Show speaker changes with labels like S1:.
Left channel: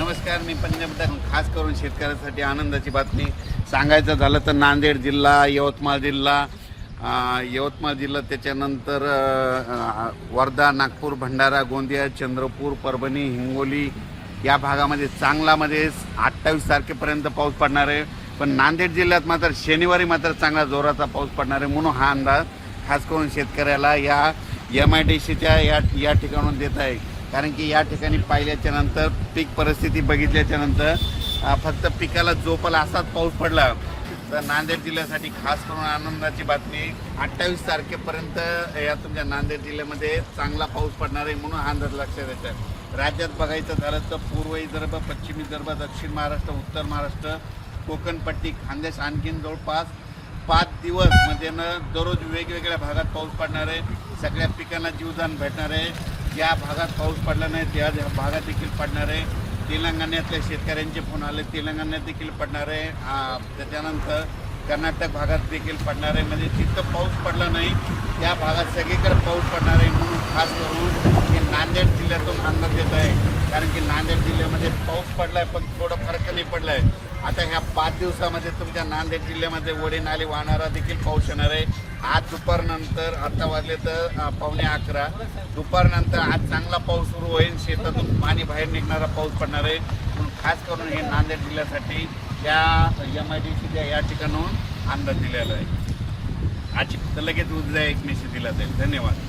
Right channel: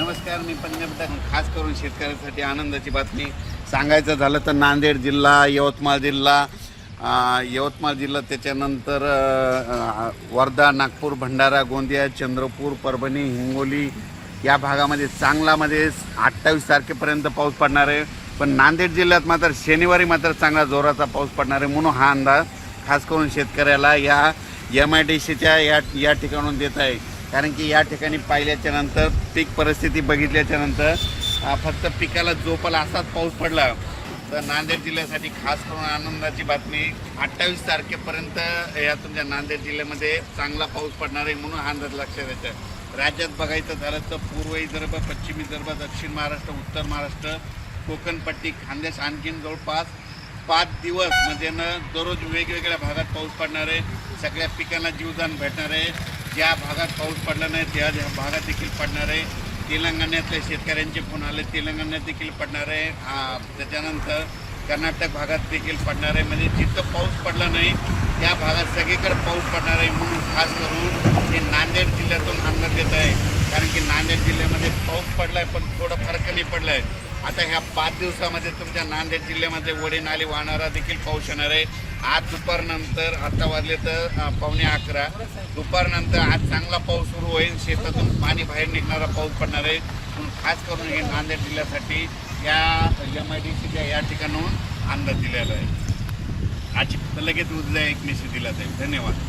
S1: नमस्कार मी पंजाब खास करून शेतकऱ्यांसाठी आनंदाची बातमी. सांगायचं झालं तर नांदेड जिल्हा यवतमाळ जिल्हा यवतमाळ जिल्हा त्याच्यानंतर वर्धा नागपूर भंडारा गोंदिया चंद्रपूर परभणी हिंगोली या भागामध्ये चांगलामध्ये अठ्ठावीस तारखेपर्यंत पाऊस पडणार आहे. पण नांदेड जिल्ह्यात मात्र शनिवारी मात्र चांगला जोराचा पाऊस पडणार आहे म्हणून हा अंदाज खास करून शेतकऱ्याला या एम आय डी सीच्या या या ठिकाणून देत आहे. कारण की या ठिकाणी पाहिल्याच्या नंतर पीक परिस्थिती बघितल्याच्या नंतर फक्त पिकाला जोपाला असाच पाऊस पडला. तर नांदेड जिल्ह्यासाठी खास करून आनंदाची बातमी अठ्ठावीस तारखेपर्यंत या तुमच्या नांदेड जिल्ह्यामध्ये चांगला पाऊस पडणार आहे म्हणून हा अंदाज लक्षात येतं राज्यात बघायचं झालं तर पूर्व विदर्भ पश्चिम विदर्भ दक्षिण महाराष्ट्र उत्तर महाराष्ट्र कोकणपट्टी खानदेश आणखीन जवळपास पाच दिवस म्हणजे न दररोज वेगवेगळ्या भागात पाऊस पडणार आहे. सगळ्या पिकांना जीवदान भेटणार आहे. ज्या भागात पाऊस पडला नाही त्या भागात देखील पडणार आहे. तेलंगणातल्या शेतकऱ्यांचे फोन आले तेलंगणात देखील पडणार आहे. त्याच्यानंतर कर्नाटक भागात देखील पडणार आहे. म्हणजे जिथं पाऊस पडला नाही त्या भागात सगळीकडे पाऊस पडणार आहे. म्हणून खास करून हे नांदेड जिल्ह्यातून अन्न देत आहे. कारण की नांदेड जिल्ह्यामध्ये पाऊस पडलाय पण थोडं फरक नाही पडलाय. आता ह्या पाच दिवसामध्ये तुमच्या नांदेड जिल्ह्यामध्ये वडे नाले वाहणारा देखील पाऊस येणार आहे. आज दुपारनंतर आता वाजले तर पावणे अकरा. दुपारनंतर आज चांगला पाऊस सुरू होईल. शेतातून पाणी बाहेर निघणारा पाऊस पडणार आहे. म्हणून खास करून हे नांदेड जिल्ह्यासाठी या एम आय डी सीच्या या ठिकाणाहून अंदाज दिलेला आहे. आज लगेच उद्या एकमेशी दिला जाईल. धन्यवाद.